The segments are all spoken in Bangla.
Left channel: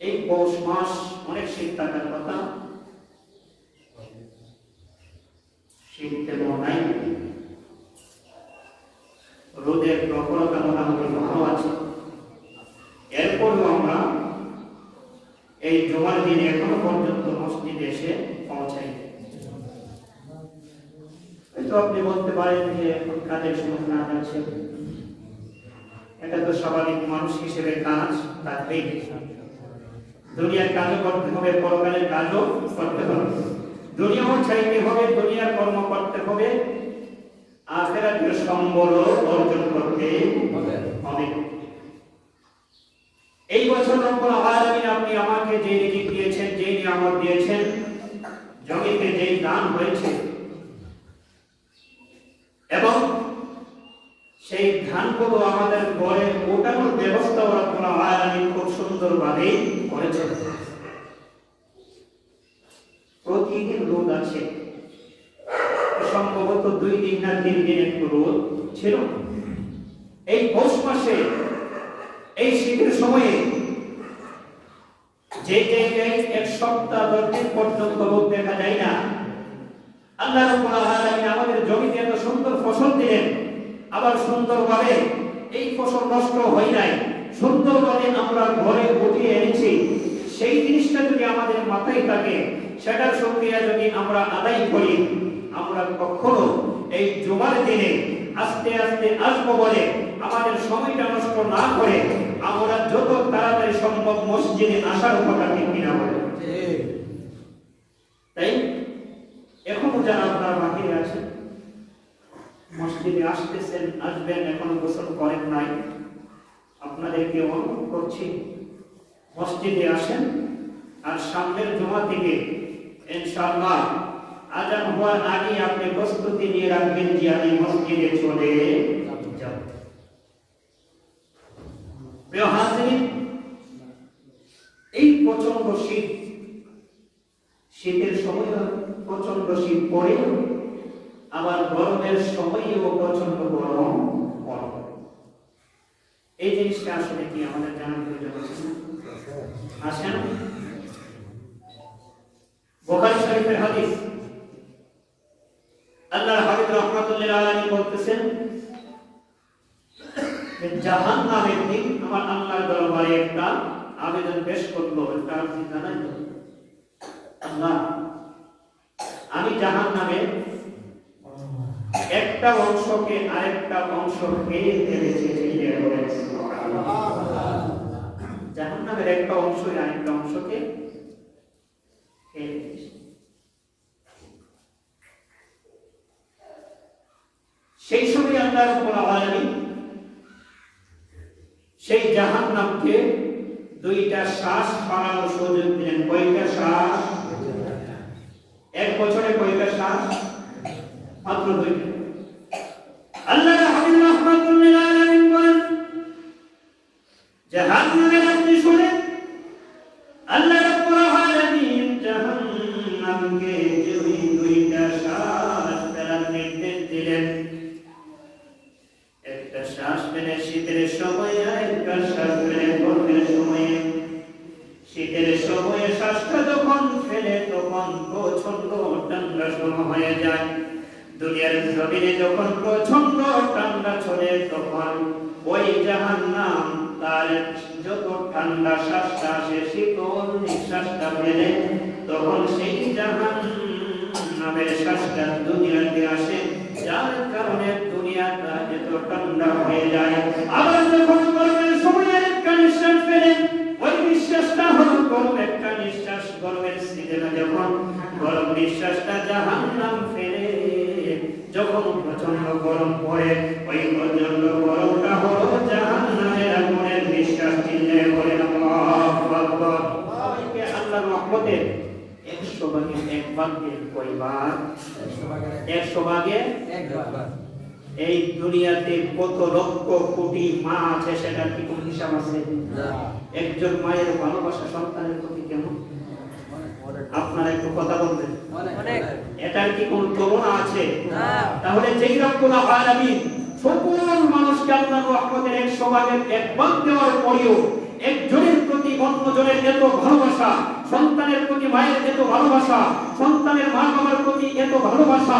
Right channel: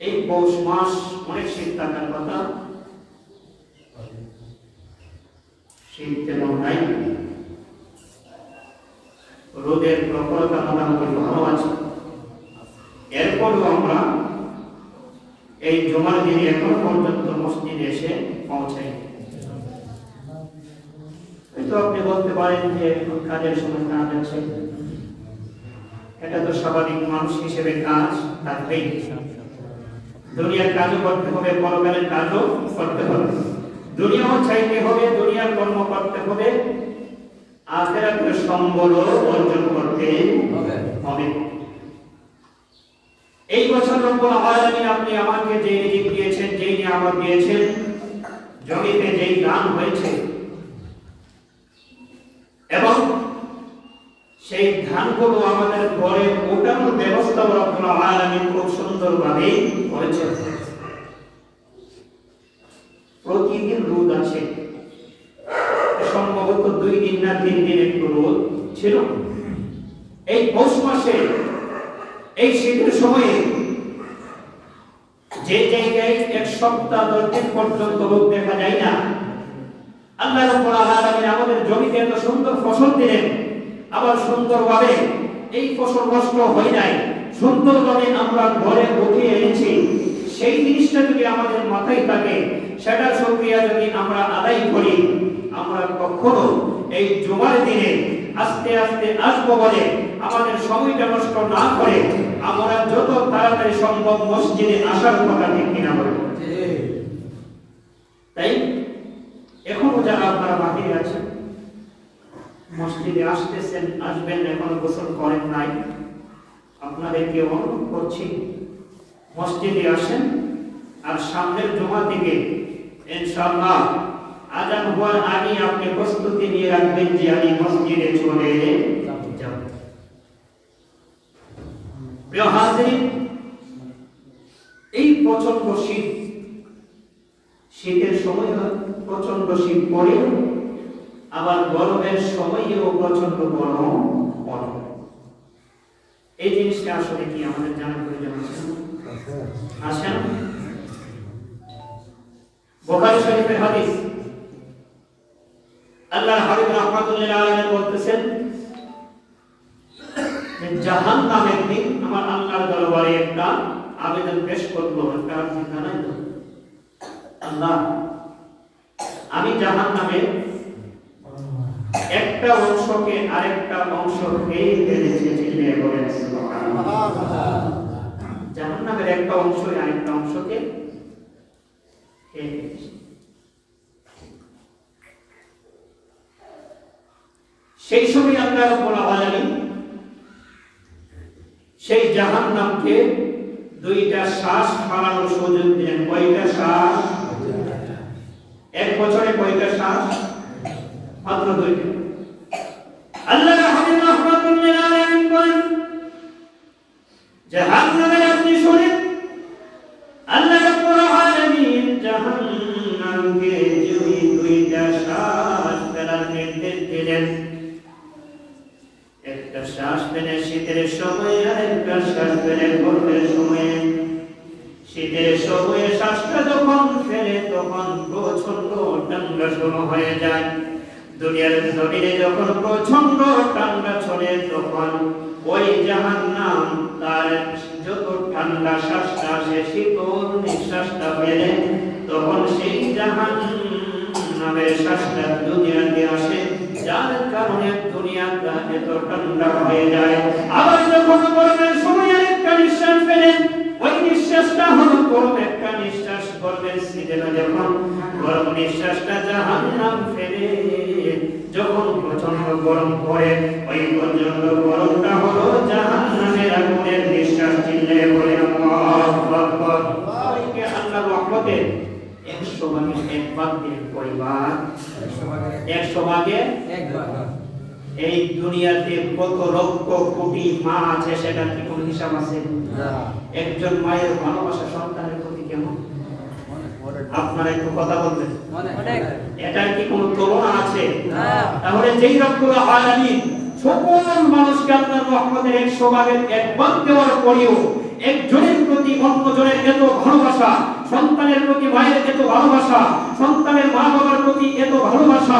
এই পৌষ মাস অনেক শীত থাকার কথা, শীত তেমন নাই, রোদের প্রখরতা মোটামুটি ভালো আছে। এরপরও আমরা এই জুমার দিনে এখনো পর্যন্ত মসজিদে এসে পৌঁছাই। হয়তো আপনি বলতে পারেন যে এখন কাজের সময় না যাচ্ছে, এটা তো স্বাভাবিক, মানুষ হিসেবে কাজ থাকবেই। দুনিয়ার কাজও করতে হবে, পরকালের কাজও করতে হবে, দুনিয়াও চাইতে হবে, দুনিয়ার কর্ম করতে হবে, আখিরাতের সম্বল অর্জন করতে হবে। এই বছর রব্বুল আলামিন আপনি আমাকে যে রিজিক দিয়েছেন, যে নিয়ামত দিয়েছেন, জমিতে যেই দান হয়েছে এবং সেই ধানগুলো আমাদের ঘরে ওঠানোর ব্যবস্থা রব্বুল আলামিন খুব সুন্দরভাবে করেছেন। প্রতিদিন রোদ আছে, সম্ভবত 2 দিন না 3 দিন একটু রোদ ছিল। এই পৌষ মাসে এই শীতের সময়ে যে জায়গায় 1 সপ্তাহ 10 দিন পর্যন্ত রোদ দেখা যায় না, আল্লাহ রাব্বুল আলামিন আমাদের জমিতে এত সুন্দর ফসল দিলেন, আবার সুন্দরভাবে এই ফসল নষ্ট হয় নাই, সুন্দরভাবে আমরা ঘরে উঠিয়ে এনেছি। সেই জিনিসটা যদি আমাদের মাথায় থাকে, সেটার শুকরিয়া যদি আমরা আদায় করি, আমরা কখনো এই জুমার দিনে আস্তে আস্তে আসবো বলে আমাদের সময়টা নষ্ট না করে আমরা যত তাড়াতাড়ি সম্ভব মসজিদে আসার কথা ঠিক কিনা বলে। তাই এখনো যারা আপনারা বাকি আছেন, মসজিদে আসতেছেন, আসবেন, এখনো গোসল করেন নাই, আপনাদেরকে অনুরোধ করছি মসজিদে আসেন। আর সামনের জুমা থেকে ইনশাআল্লাহ আযান হওয়ার আগে আপনি প্রস্তুতি নিয়ে রাখবেন যে আমি মসজিদে চলে যাব। প্রিয় হাজিরিন, এই প্রচন্ড শীত, শীতের সময় প্রচন্ড শীত পড়ে, আবার গরমের সময়ও প্রচন্ড গরম পড়ে। এই জিনিসটা আসলে কি আমাদের জানার প্রয়োজন আছে না? আসেন, বুখারী শরীফের হাদিস, আল্লাহর হাবিব রাহমাতুল্লিল আলামিন বলতেছেন যে জাহান্নামের দিন আমার আল্লাহর দরবারে একটা আবেদন পেশ করব, একটা আরজি জানাইব, আল্লাহ আমি জাহান্নামের একটা অংশকে আরেকটা অংশ খেয়ে ফেলেছি, চিল্লিয়ে বলেন সুবহানাল্লাহ। জাহান্নামের একটা অংশ আরেকটা অংশকে খেয়ে ফেলেছি। সেই সময় আল্লাহ রাব্বুল আলামিন সেই জাহান্নামকে 2টা শ্বাস ছাড়ানোর সুযোগ দিলেন। কয়টা শ্বাস? 1 বছরে কয়টা শ্বাস? মাত্র 2টা। আল্লাহ হাবিব রাহমাতুল্লিল আলামিন বলেন জাহান্নামের আপনি শুনেন, আল্লাহ রাব্বুল আলামিন জাহান্নামকে যদি 2টা শ্বাস ফেলার নির্দেশ দিলেন, একটা শ্বাস ফেলে শীতের সময়ে আর একটা শ্বাস ফেলে গরমের সময়ে। শীতের সময়ে শ্বাসটা যখন ফেলে তখন প্রচন্ড ঠান্ডা শুরু হয়ে যায়। দুনিয়ার জমিনে যখন প্রচন্ড ঠান্ডা ছড়ে তখন ওই জাহান্নাম তার যত ঠান্ডা শ্বাসটা আসে, শীতল নিঃশ্বাসটা ফেলে, তখন সেই জাহান্নামের শ্বাসটা দুনিয়াতে আসে, যার কারণে দুনিয়াটা এত ঠান্ডা হয়ে যায়। আবার যখন গরমের সময় একটা নিঃশ্বাস ফেলেন, ওই নিঃশ্বাসটা হলো গরম একটা নিঃশ্বাস। গরমের সিজনে যখন গরম নিঃশ্বাসটা জাহান্নাম ফেলে, যখন প্রচন্ড গরম পড়ে, ওই প্রচন্ড গরমটা হলো জাহান্নামের আগুনের নিঃশ্বাস। চিল্লায়ে বলে আল্লাহু আকবার। আল্লাহর রহমতের 100 ভাগে 1 ভাগ দিয়ে কয়বার? 100 ভাগে 1 ভাগ। এই দুনিয়াতে কত লক্ষ কোটি মা আছে, সেটা কি কোনো হিসাব আছে? একজন মায়ের ভালোবাসা সন্তানের প্রতি কেমন? আপনারা একটু কথা বলবেন, এটার কি কোনো তুলনা আছে? তাহলে যেই রব্বুল আলামিন সকল মানুষকে আল্লাহর রহমতের 100 ভাগের 1 ভাগ দেওয়ার পরেও একজনের প্রতি অন্যজনের এত ভালোবাসা, সন্তানের প্রতি মায়ের এত ভালোবাসা, সন্তানের মা বাবার প্রতি এত ভালোবাসা,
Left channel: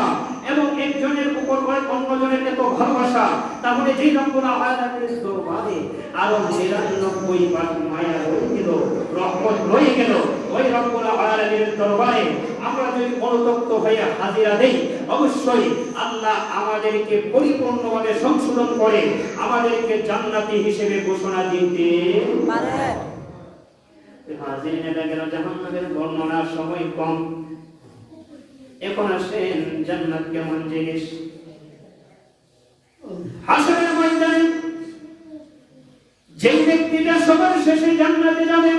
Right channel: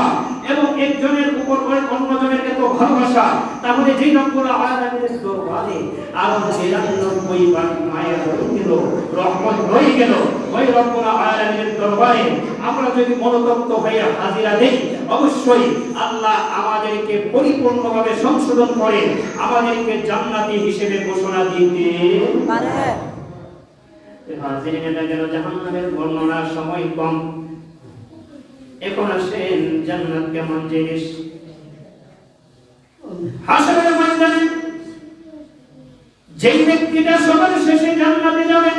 এবং একজনের উপর অন্যজনের এত ভালোবাসা, তাহলে যেই রব্বুল আলামিনের দরবারে আরো ৯৯ ভাগ মায়া রয়ে গেল, রহমত রয়ে গেল। ওই রব্বুল আলামিনের দরবারে আমরা যদি অনুতপ্ত হয়ে হাজিরা দেই, অবশ্যই আল্লাহ আমাদেরকে পরিপূর্ণভাবে সংশোধন করে আমাদেরকে জান্নাতি হিসেবে ঘোষণা দিতে পারে। হাজিরিন, এটা গেল জাহান্নামের বর্ণনার সময় কম। এখন আসেন জান্নাত কেমন জিনিস। হাসরের ময়দানে যেই ব্যক্তিটা সবার শেষে জান্নাতে যাবে,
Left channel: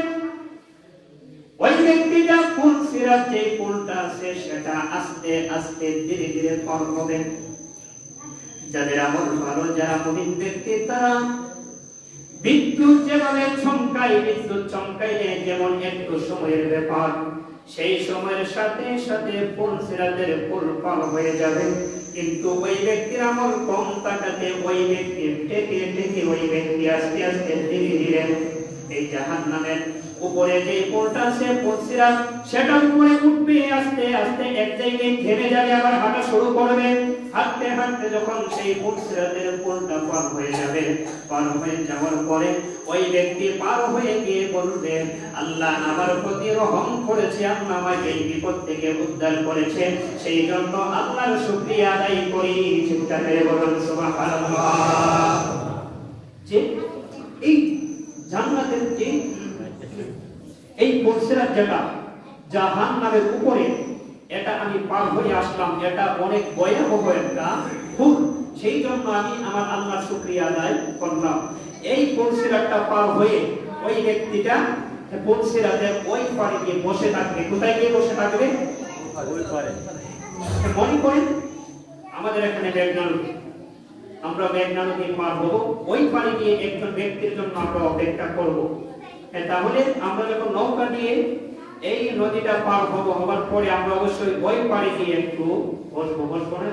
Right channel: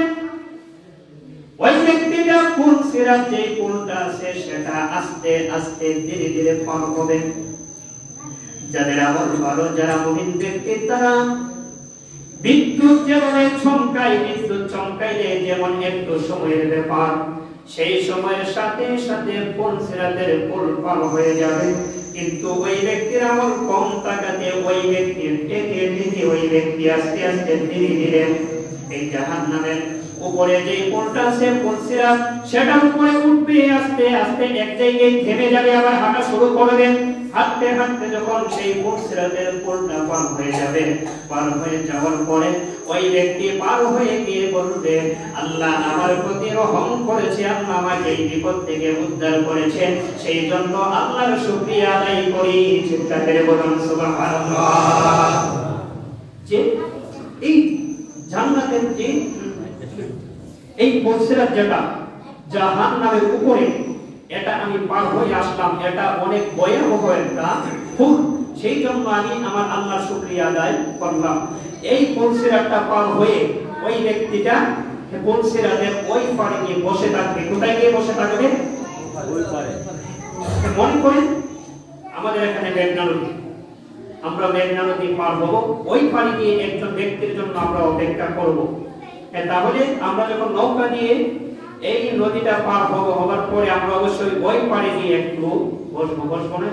ওই ব্যক্তিটা পুল সিরাত, যে পুলটা আছে সেটা আস্তে আস্তে ধীরে ধীরে পার হবে। যাদের আমল ভালো, যারা মুমিন ব্যক্তি, তারা বিদ্যুৎ যেভাবে চমকায়, বিদ্যুৎ চমকাইলে যেমন একটু সময়ের ব্যাপার, সেই সময়ের সাথে সাথে পুল সিরাতের পুল পার হয়ে যাবে। কিন্তু ওই ব্যক্তির আমল কম থাকাতে ওই ব্যক্তি টেকে টেকে ওই ব্যক্তি আস্তে আস্তে ধীরে ধীরে এই জাহান্নামের উপরে যে পুলটা আছে, পুল সিরাত, সেটার উপরে উঠবে আস্তে আস্তে, এক জায়গায় থেমে যাবে, আবার হাঁটা শুরু করবে। হাঁটতে হাঁটতে যখন সেই পুল সিরাতের পুলটা পার হয়ে যাবে, পার হয়ে যাওয়ার পরে ওই ব্যক্তি পার হয়ে গিয়ে বলবে, আল্লাহ আমার প্রতি রহম করেছে, আল্লাহ আমাকে এই বিপদ থেকে উদ্ধার করেছে, সেই জন্য আল্লাহর শুকরিয়া আদায় করি। চিৎকার করে বলুন সুবহানাল্লাহ। যে এই জান্নাতের যে এই পুল সিরাত, যেটা জাহান্নামের উপরে, এটা আমি পার হয়ে আসলাম, এটা অনেক ভয়াবহ একটা খুব, সেই জন্য আমি আমার আল্লাহর শুকরিয়া আদায় করলাম। এই পুল সিরাতটা পার হয়ে ওই ব্যক্তিটা পুল সিরাতের ওই পারে গিয়ে বসে থাকবে। কোথায় গিয়ে বসে থাকবে? ওই পারে। মনে করেন আমাদের এখানে মেঘনা নদী, আমরা মেঘনা নদী পার হবো, ওই পারে গিয়ে একজন ব্যক্তির জন্য আমরা অপেক্ষা করব। তাহলে আমরা যখন নৌকা দিয়ে এই নদীটা পার হবো, হবার পরে আমরা অবশ্যই ওই পারে গিয়ে একটু বসবো। বসবো না?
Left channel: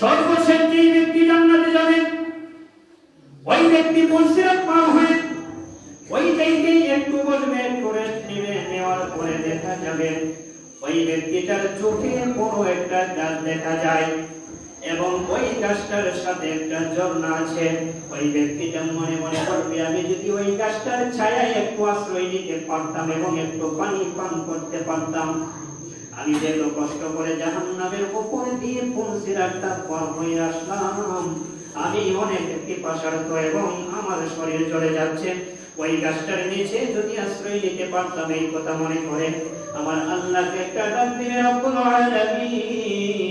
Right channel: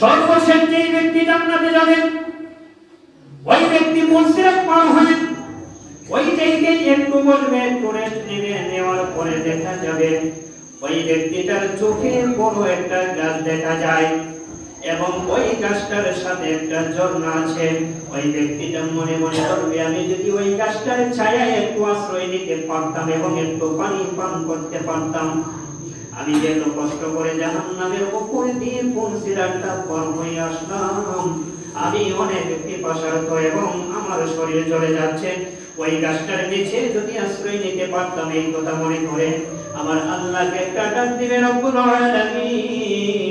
সর্বশেষ যে ব্যক্তি জান্নাতে যাবে, ওই ব্যক্তি পুল সিরাত পার হয়ে ওই জায়গায় একটু বসবে, একটু রেস্ট নেবে। নেওয়ার পরে দেখা যাবে ওই ব্যক্তিটার চোখে বড় একটা গাছ দেখা যায়, এবং ওই গাছটার সাথে একটা ঝর্ণা আছে। ওই ব্যক্তিটা মনে মনে করবে, আমি যদি ওই গাছটার ছায়ায় একটু আশ্রয় নিতে পারতাম এবং একটু পানি পান করতে পারতাম, আমি যে এত কষ্ট করে জাহান্নামের উপর দিয়ে পুল সিরাতটা পার হয়ে আসলাম, আমি অনেক পিপাসার্ত এবং আমার শরীর জ্বলে যাচ্ছে, ওই গাছটার নিচে যদি আশ্রয় নিতে পারতাম, এই কথা মনে করে আমার আল্লাহকে একটা ডাক দিবে, রব্বুল আলামিন,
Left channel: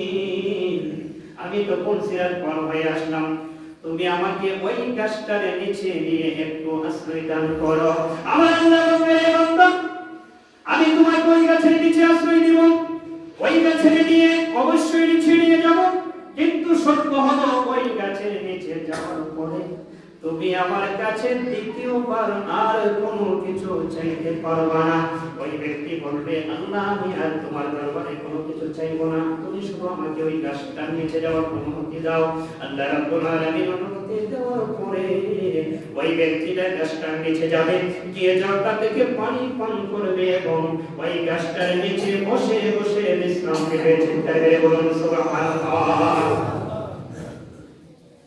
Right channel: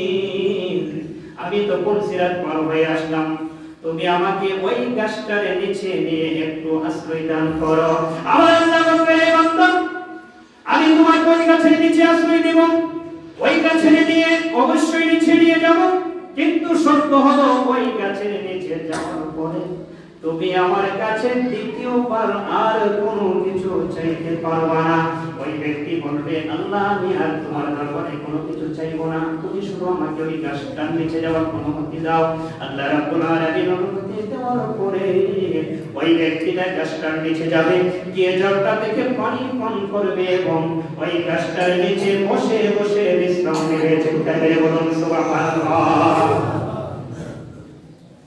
আমি তো পুল সিরাত পার হয়ে আসলাম, তুমি আমাকে ওই গাছটার নিচে নিয়ে একটু আশ্রয় দান করো। আমার আল্লাহ বলবে, বান্দা, আমি তোমাকে ওই গাছের নিচে আশ্রয় দেব, ওই গাছের নিয়ে অবশ্যই নিচে নিয়ে যাব, কিন্তু শর্ত হলো ওই গাছের নিচে যাওয়ার পরে তুমি আমার কাছে দ্বিতীয়বার আর কোনো কিছু চাইতে পারবা না। ওই ব্যক্তি বলবে, আল্লাহ, আমি আর তোমার দরবারে কোনো কিছু চাইবো না, তুমি শুধু আমাকে ওই গাছটার নিচে যাওয়ার অনুমতি দাও। আল্লাহ রাব্বুল আলামিন অনুমতি দেওয়ার পরে ওই ব্যক্তিটা গাছটার নিচে যাবে, গিয়ে ঝর্ণা থেকে পানি পান করবে এবং ওই গাছটার নিচে বসে বসে বিশ্রাম নেবে। চিন্তা করে বলুন সুবহানাল্লাহ।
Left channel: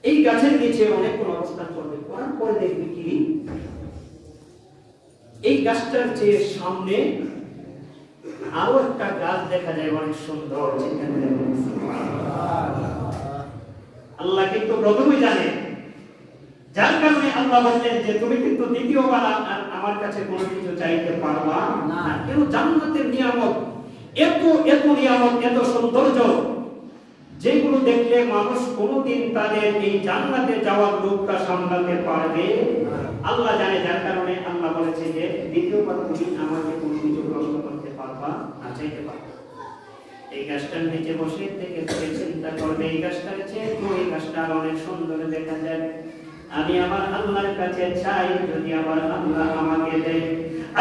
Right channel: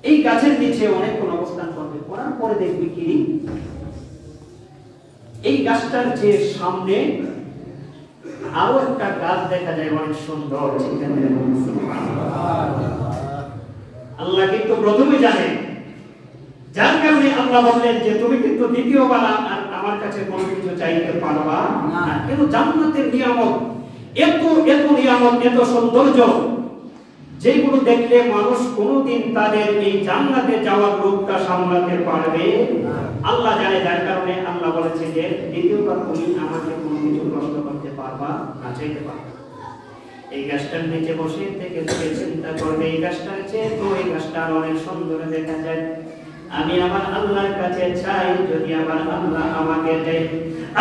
এই গাছের নিচে অনেকক্ষণ অবস্থান করবে, করার পরে দেখবে কি এই গাছটার যে সামনে আরো একটা গাছ দেখা যায়, অনেক সুন্দর। আল্লাহ কিন্তু প্রথমে জানে, যার কারণে আল্লাহ বললেন যে তুমি কিন্তু দ্বিতীয়বার আমার কাছে কোনো কিছু চাইতে পারবা না। কিন্তু জান্নাতের নিয়ামত এত এত নিয়ামত, এত সৌন্দর্য, যেগুলো দেখলে মানুষ কোনোদিন তাদের এই জান্নাতে যাওয়ার লোকটা সামলাতে পারবে আল্লাহ জানে। যার কারণে আল্লাহ বলেছে যে দ্বিতীয়বার তুমি আমাকে কোনো কিছু প্রশ্ন করতে পারবা না, চাইতে পারবা। এই গাছটার নিচে বসে থেকে চিন্তা করবে, এই গাছটার চেয়ে তো এই গাছটা অনেক সুন্দর দেখা যায়, আমি আমার আল্লাহর কাছে চাই, যদি আমার আল্লাহ আমাকে দেয়।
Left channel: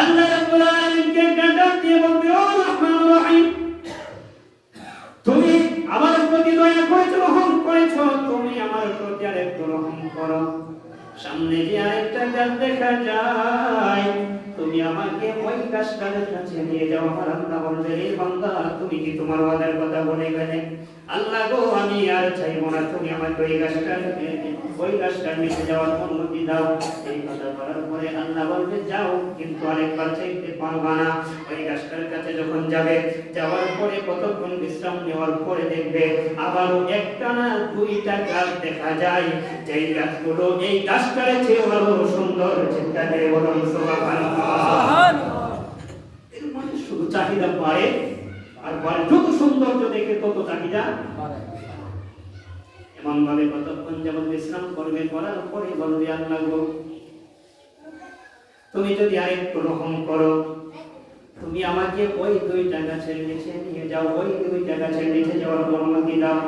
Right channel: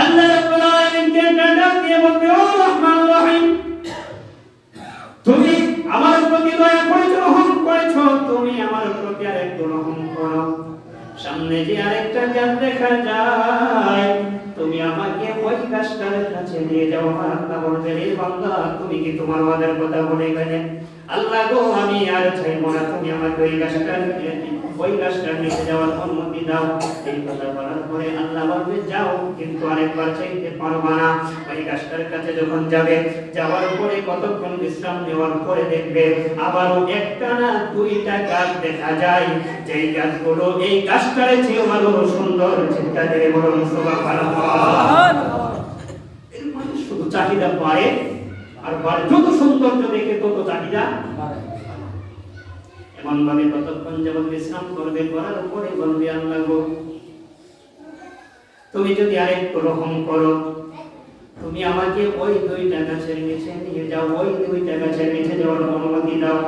আল্লাহ রাব্বুল আলামিনকে ডাক দিয়ে বলবে, ও রহমান রহিম, তুমি আমার প্রতি দয়া করেছো, রহম করেছো, তুমি আমার প্রতি আরেকটু রহম করো। সামনে যে আরেকটা গাছ দেখা যায়, তুমি আমাকে ওই গাছটার কাছে নিয়ে যাও। আমার আল্লাহ বলবে, রে বান্দা, তুমি কি তোমার ওয়াদার কথা বলে গেলে? আল্লাহ গো, আমি আর চাইবো না, তুমি আমাকে ওই গাছটার নিচে যাওয়ার অনুমতি দাও। এই কথা বলার পরে আল্লাহ বলবে, যাও, কিন্তু আরেকবার চাইতে পারবা না। ওই গাছটার কাছে যখন যাবে, যাওয়ার পরে কতক্ষণ বিশ্রাম নেওয়ার পরে দেখবে আবারও একটা না দুইটা গাছ দেখা যায়, যেই গাছগুলো এই গাছটার চেয়ে আরো সুন্দর। চিন্তা করে বলুন সুবহানাল্লাহ। এর মানে শুধু চাহিদা বাড়ে আর বাড়ে, যত সৌন্দর্য দেখে তত চাহিদা বাড়ে। এমন ভাবে কতক্ষণ যেমন বিশ্রাম করবে, করার পরে বলবে, আল্লাহ গো, তুমি যদি আরেকটু রহম করো, তুমি আমাকে ওই দুইটা গাছের নিচে নিয়ে যাও, ওই দুইটা গাছের নিচে যাওয়ার অনুমতি দাও।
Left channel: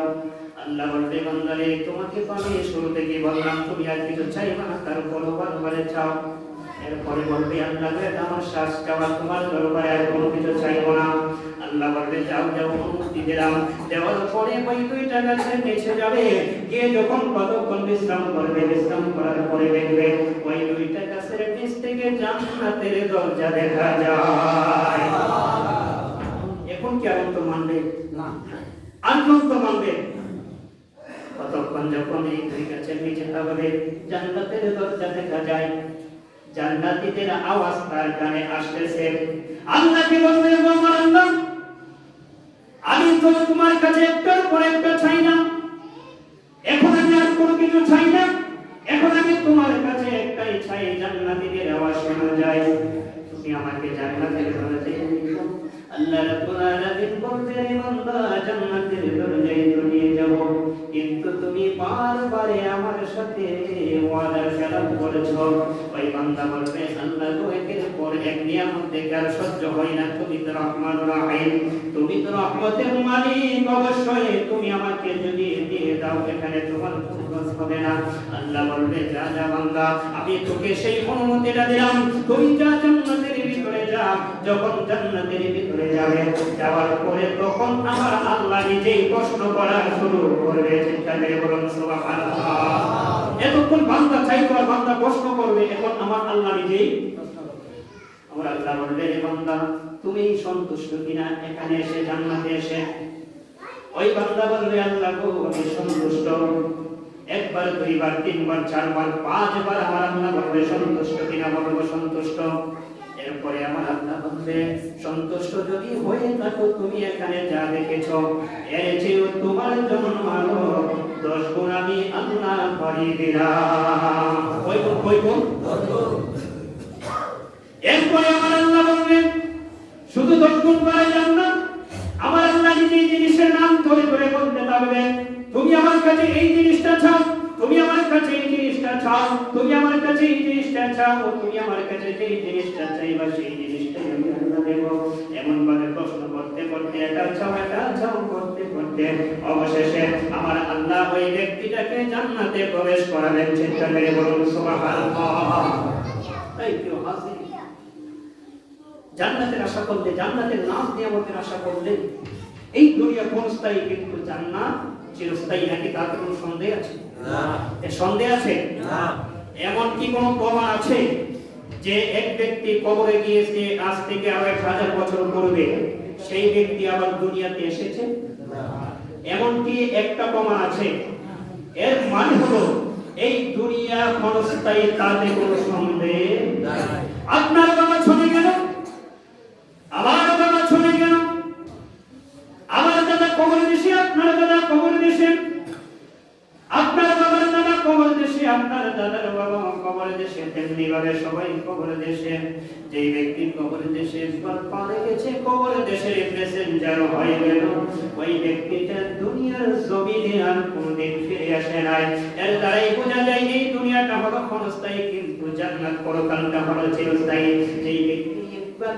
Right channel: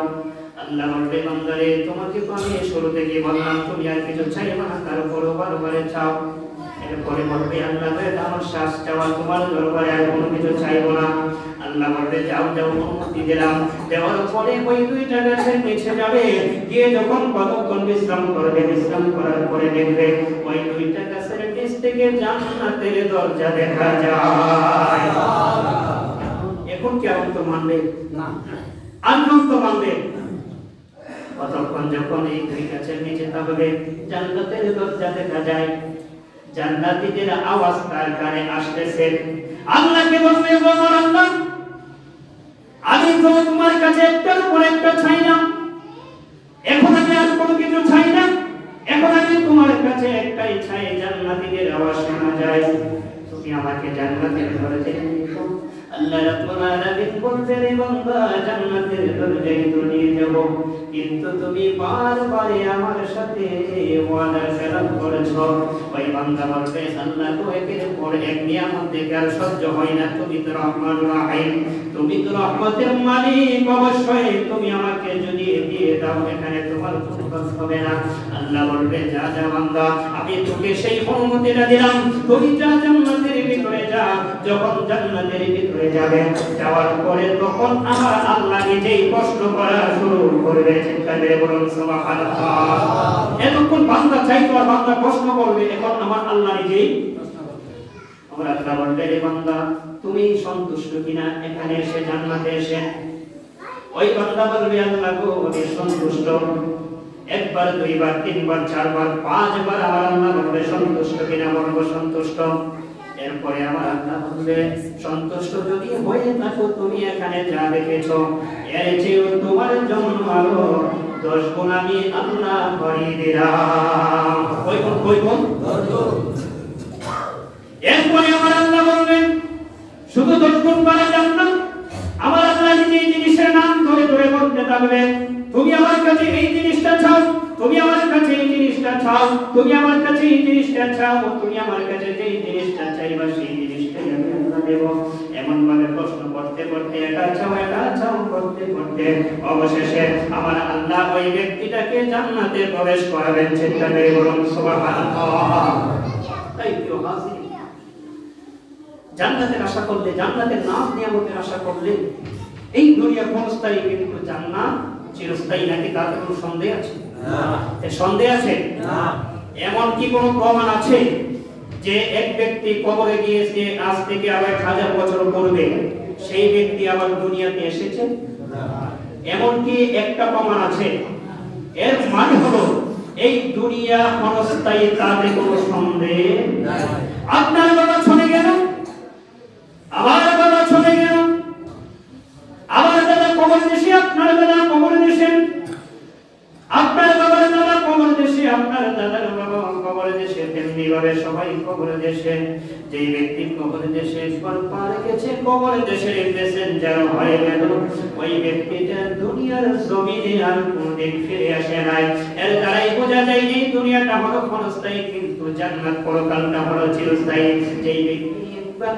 আল্লাহ বলবে, বান্দারে, তোমাকে তো আমি শুরু থেকে বললাম তুমি আর কিছু চাইবে না, তারপরও বারবারে চাও। এরপরে বলবে, আল্লাহ আমার শ্বাস চাওয়া, তোমার দরবারে আর কোনো কিছু চাইবো না। আল্লাহ বলবে, যাও যাও, অনুমতি দিলাম। দেওয়ার পরে ওই দুইটা গাছের নিচে যাবে, গিয়ে যখন কতক্ষণ বিশ্রাম করবে, বিশ্রাম করার পরে দেখবে ওই দুইটা গাছের নিচ থেকে জান্নাতের দরজা দেখা যায়। এখন কি আর তো মানবে না? আনন্দ তো মানবে। কতক্ষণ যখন এই দুই গাছের নিচে থাকবে, জান্নাতের দরজা দেখা যায়। জান্নাতীদের আওয়াজ তার কানে আসতেছে। আল্লাহকে বলবে, আমার আল্লাহ, আমি তো তোমার কাছে একটার পর একটা চাই না, এখন আমি আর কোনো কিছু চাই না, এখন আমি তোমার কাছে একটাই চাই। জান্নাতীদের আওয়াজ শোনা যায়, তুমি আমাকে জান্নাতের দরজায় নিয়ে যাও। আল্লাহ রাব্বুল আলামিন বলবে, রে বান্দা, জান্নাতের দরজায় তো নিয়ে যাব, কিন্তু তুমি বারবার আমার সাথে ওয়াদা খেলাপ করেছো। ওই বান্দা বলবে, আল্লাহ গো, একের পর এক নিয়ামত দেখে আর সহ্য হয় না, তুমি তো রহমানুর রহিম, তুমি তো রহমতের মালিক, অবশ্যই তুমি আমাকে যদি দিয়ে দাও, এখানে তোমার কোনো কষ্ট হবে না। আল্লাহ বলবে, যা যা বান্দা, আমি তোকে সেই অনুমতিটা দিলাম, তুমি যা জান্নাতের ভিতরে যা। যখন জান্নাতের ভিতরে যাবে, যাওয়ার পরে তখন আমার আল্লাহ নিজেই প্রশ্ন করা শুরু করবে। চিন্তা করে বলুন সুবহানাল্লাহ। এতক্ষণ বান্দা চাইতো আর বান্দা প্রশ্ন করবে, এখন আমার আল্লাহ নিজেই প্রশ্ন করবে। আমার আল্লাহ বলবে, রে বান্দা, তুমি সন্তুষ্ট কিনা এখানে এসে, জান্নাতে এসে? ওই বান্দা বলবে, আল্লাহ গো, আমি সন্তুষ্ট। একবার, দুইবার, তিনবার, চারবার, পাঁচবার আমার আল্লাহ বলবে, সন্তুষ্ট কিনা? বলবো সন্তুষ্ট। এরপরে আমার আল্লাহ বলবে, সন্তুষ্ট যদি হয়ে থাকো, তুমি এখানে যা দেখেছো, এর চেয়েও তোমার জন্য আরো 10 গুণ আমি আল্লাহ বাড়িয়ে দিলাম। কই গুণ? এরপরে আমার আল্লাহ বলবেন, শুধু 10 গুণ করে যান না, আমার আল্লাহ নিজে এই জিনিসের নাম ধরে ধরে বলতে থাকবে, তুমি আমার কাছে এই জিনিসটা চাও, তুমি আমার কাছে এই জিনিসটা চাও, তুমি আমার কাছে এই জিনিসটা চাও, তুমি আমার কাছে যেই জিনিসটা চাইবা সেই জিনিসটাই আমি আল্লাহ দেব। এমন ভাবে প্রশ্ন করতে করতে, এটা চাও করতে করতে অবশেষে আমার আল্লাহ ওই ব্যক্তিটাকে জান্নাতে প্রবেশ করাবেন। চিন্তা করে বলুন সুবহানাল্লাহ। তাই কেউ হাসি জান্নাতের আশা করলে, জান্নাতের নাম নিয়ামতের আশা করলে, এই দুনিয়া ক্ষণস্থায়ী, কিন্তু জান্নাত চিরস্থায়ী নাকি, তার কোনো সন্দেহ আছে? সন্দেহ আছে? এমন কি কোনো প্রমাণ আছে যে এক ব্যক্তি কবরে গিয়েছে, আজ থেকে আবার 1000 বছর পূর্বে সেই ব্যক্তি আবার দুনিয়াতে এসেছে? এমন কি একটা প্রমাণ আছে? এর মানে হলো এই দুনিয়া ক্ষণস্থায়ী, তাতে কোনো সন্দেহ নাই। আপনার বাবা চলে গেল, আমার বাবা চলে গেল, আমার দাদা কবর দেশে, আপনার দাদা কবর দেশে, আপনার বাবার দাদা কবর দেশে, আপনার দাদার বাবা কবর দেশে, তেমনি ভাবে সবাই কবর দেশে। যে ব্যক্তি কবর দেশে পারে গেছে, কবর দেশের প্যাসেঞ্জার হয়ে গেল, ওই ব্যক্তিটা দুনিয়ার জমিনে আর কোনদিন ফিরে আসে নাই। এর দ্বারাই বোঝা যায় এই দুনিয়াটা হলো ক্ষণস্থায়ী, কিন্তু জান্নাত পরকালটা হলো চিরস্থায়ী। যেই ব্যক্তি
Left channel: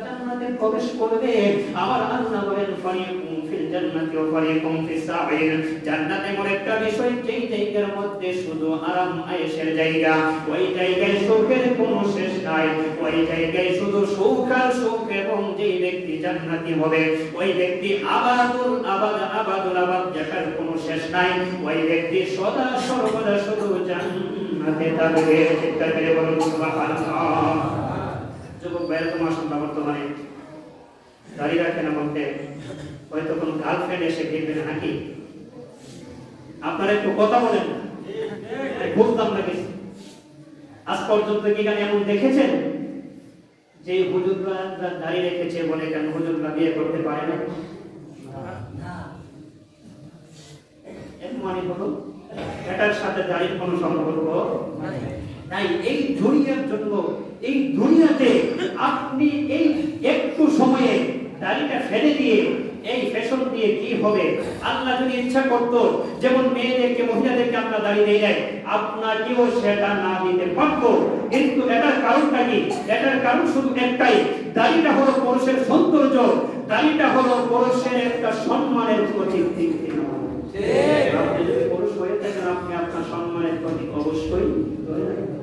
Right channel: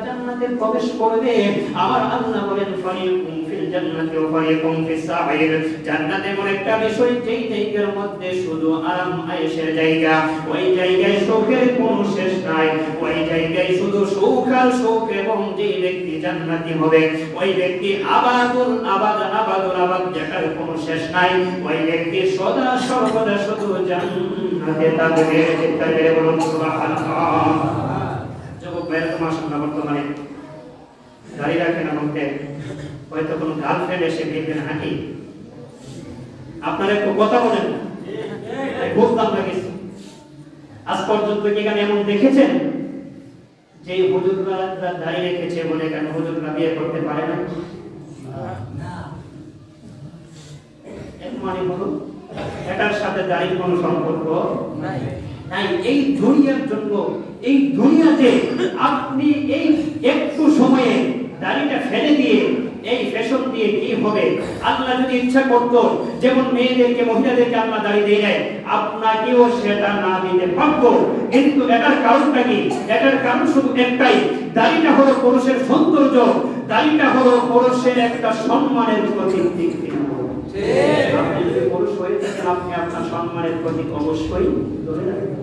জান্নাতে প্রবেশ করবে, আমার আল্লাহ বলেন, ফারিকুম ফিল জান্নাতি ওয়া ফারিকুম ফিস সাঈর। জান্নাত এমন একটা বিষয়, যেই জায়গার মধ্যে শুধু আরাম আয়েশের জায়গা, ওই জায়গায় সুখের কোনো শেষ নাই, ওই জায়গায় শুধু সুখ আর সুখ, এবং যে ব্যক্তি জান্নাতি হবে ওই ব্যক্তি আবাদুল আবাদ যেটার কোনো শেষ নাই, ওই ব্যক্তি সদা সর্বদা শুধু জান্নাতে থাকবে। চিৎকার বলুন সুবহানাল্লাহ। যুবক ভাইরা, তোমার সঙ্গে বর্তমানে দাঁড়িয়ে রাখেন আমাকে, হয়তো কোন গার্লফ্রেন্ড এসে দেখবেন হাঁটি, আপনারা একটু কথা বলেন না, খুব দাম লাগেছে। আজ পর্যন্ত কি এখানে এমন দেখেছেন যে হুজুররা দাঁড়িয়ে রেখেছে বলে কেন হুজুররা বিয়ে করতে পারে না? এর মানে হলো এটার সাথে দাঁড়িয়ে কোনো সম্পর্ক নাই। এই দুনিয়ার জন্য, এই দুনিয়াতে আপনি এই একটু সময়ে দাড়িটা ফেলে দিয়ে এই ফ্যাশন দিয়ে কি হবে? আল্লাহ যদি ইচ্ছা করত, যেমন মেয়েদেরকে মহিলাদেরকে আল্লাহ দাড়ি দিয়ে দেয়, আপনাকেও সেটা না দিতে পারত। কিন্তু এটার কারণটা কি? এটার কারণ শুধু একটাই, দাড়িটা হলো পুরুষের সৌন্দর্য, দাড়িটা হলো পুরুষের একটা সম্মানের প্রতীক। আপনি যদি পুরুষ হয়ে থাকেন, আপনি আপনার সম্মানের প্রতীক অবশ্যই ধরে রাখবেন।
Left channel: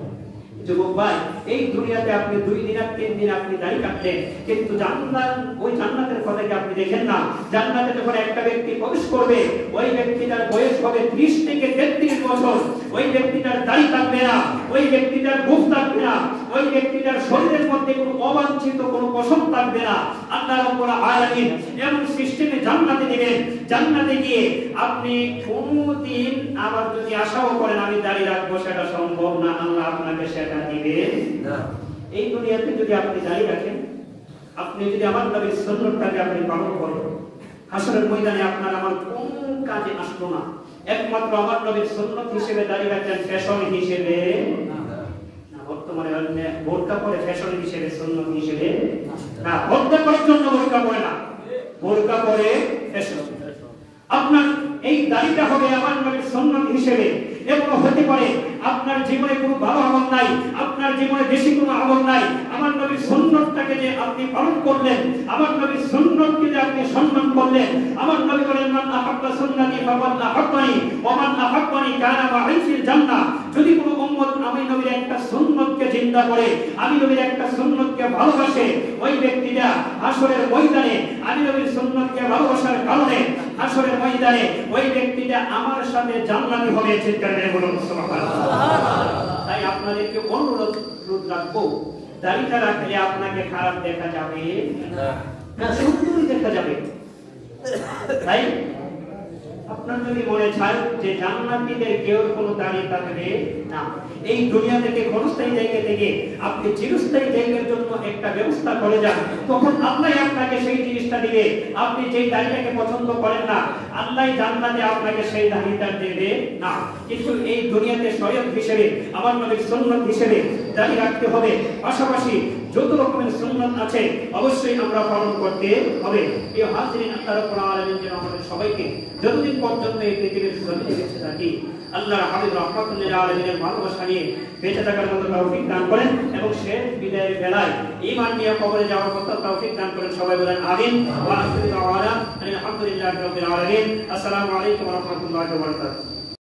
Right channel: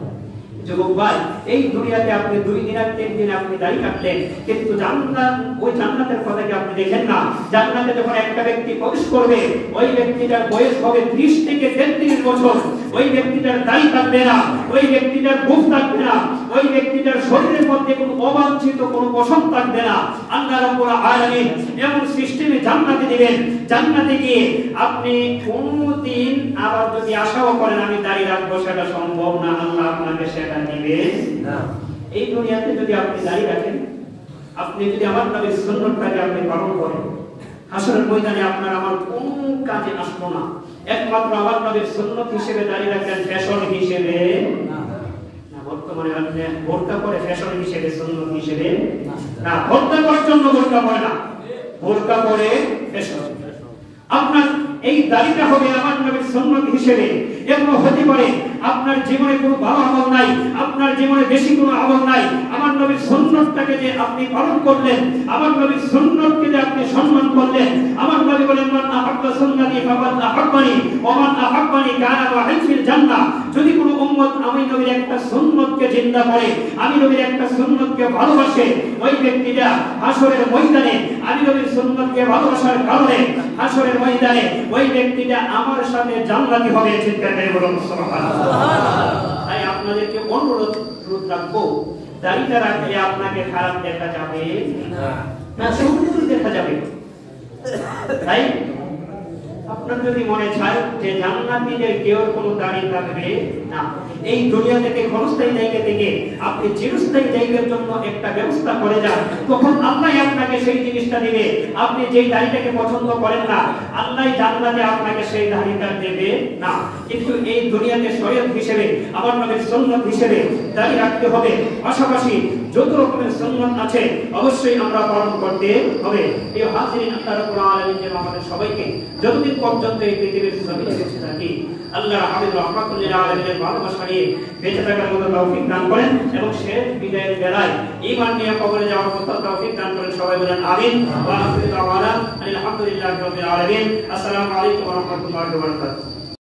যুবক ভাই, এই দুনিয়াতে আপনি 2 দিন আর 3 দিন আপনি দাড়ি কাটলেন, কিন্তু জান্নাত, ওই জান্নাতের কথা কি আপনি দেখেন না? জান্নাতে যখন একটা ব্যক্তি প্রবেশ করবে, ওই ব্যক্তিটার বয়স হবে 30 থেকে 33 বছর। ওই ব্যক্তিটার দাড়ি থাকবে না, ওই ব্যক্তিটার মুখ থাকবে না, ওই ব্যক্তিটার শরীরের মধ্যে কোনো অবাঞ্ছিত কোনো পশম থাকবে না। আল্লাহ রাব্বুল আলামিন এমন সিস্টেমে জান্নাতে দিবেন, জান্নাতে গিয়ে আপনি কোনদিন আবার যদি আশাও করেন আমি দাড়ি রাখবো, সেটা সম্ভব না, আল্লাহ আপনাকে সেটা দিবে না। এই দুনিয়াতে যদি আপনি দাড়ি রাখেন, আপনি যদি আমার নবীর সুন্নাতটাকে আপনি পালন করেন, হাসরের ময়দানে আপনার আমার কোনো কাজে আসলো না। একমাত্র আমার নবীর সুন্নাত হিসেবে দাড়ি রাখেন, ফ্যাশন হিসেবে না। বর্তমানে আপনি বোরকা পরে ফ্যাশন হিসেবে, সুন্নাত হিসেবে না। বোরকা করার জন্য বোরকা পরে না, বোরকা পরে ফ্যাশন। আপনার এই দাড়িটা হবে আমার নবীর সুন্নাত হিসেবে। এবং হতে পারে আপনার জীবনে কোনো ভালো আমল নাই, আপনার জীবনে বেশি কোনো আমল নাই, আমার নবীর সুন্নাতটাকে যে আপনি পালন করলেন, আমার নবীর সুন্নাতকে যে আপনি সম্মান করলেন, আমার নবী বলেন মান আহাব্বা সুন্নতি ফাকাদ আহাব্বানি ওয়া মান আহাব্বানি কানা মা'ই ফিল জান্নাহ। যদি কোনো উম্মত আমি নবীর একটা সুন্নাতকে জিন্দা করে, আমি নবীর একটা সুন্নাতকে ভালোবাসে, ওই ব্যক্তিটা হাসরের ময়দানে আমি নবীর সুন্নাতকে ভালোবাসার কারণে হাসরের ময়দানে ওই ব্যক্তিটা আমার সাথে জান্নাতি হবে। চিৎকার করে বলুন সুবহানাল্লাহ। তাই আপনাদেরকে অনুরোধ রাখবো, দাড়িটা রাখলে আপনাকে খারাপ দেখা যাবে না, সুন্দর দেখা যাবে। তাই আপনার যদি মনে চায় যে জান্নাতীদের কেউ কোনো দাড়ি থাকবে না, এই দুনিয়া থেকে ক্ষণস্থায়ী জায়গা থেকে আপনি চিরস্থায়ী জায়গার জন্য একটা ব্যবস্থা করে যান, তখন আল্লাহ আপনাকে সেই জিনিসটা দিবে। আপনি যেই দাড়িটাকে পছন্দ করেন না, আল্লাহ জান্নাতে আপনাকে সেই দাড়িটা দেবে না। কিন্তু এই দুনিয়াতে শরীয়ত হিসেবে, আমার নবীর সুন্নাত হিসেবে দাড়ি রাখতে হবে। পাশাপাশি যত রকমের সুন্নাত আছে অবশ্যই আমরা পালন করতে হবে। এই হাজিরিন, আল্লাহ রাব্বুল আলামিন যেন আমাদের সবাইকে যতদিন পর্যন্ত এই পৃথিবীর জমিনে বেঁচে থাকি, আল্লাহর হাবিব রাহমাতুল লিল আলামিনের ভালোবাসা নিয়ে বেঁচে থাকার মতো তৌফিক দান করেন, এবং শেষ বিদায়ের বেলায় ঈমান নিয়ে কবরে যাওয়ার মতো তৌফিক দান করেন। সবাই বলেন আমিন। ওয়া আখিরু দাওয়ানা আলহামদুলিল্লাহি রাব্বিল আলামিন। আসসালামু আলাইকুম ওয়া রাহমাতুল্লাহি ওয়া বারাকাতুহু।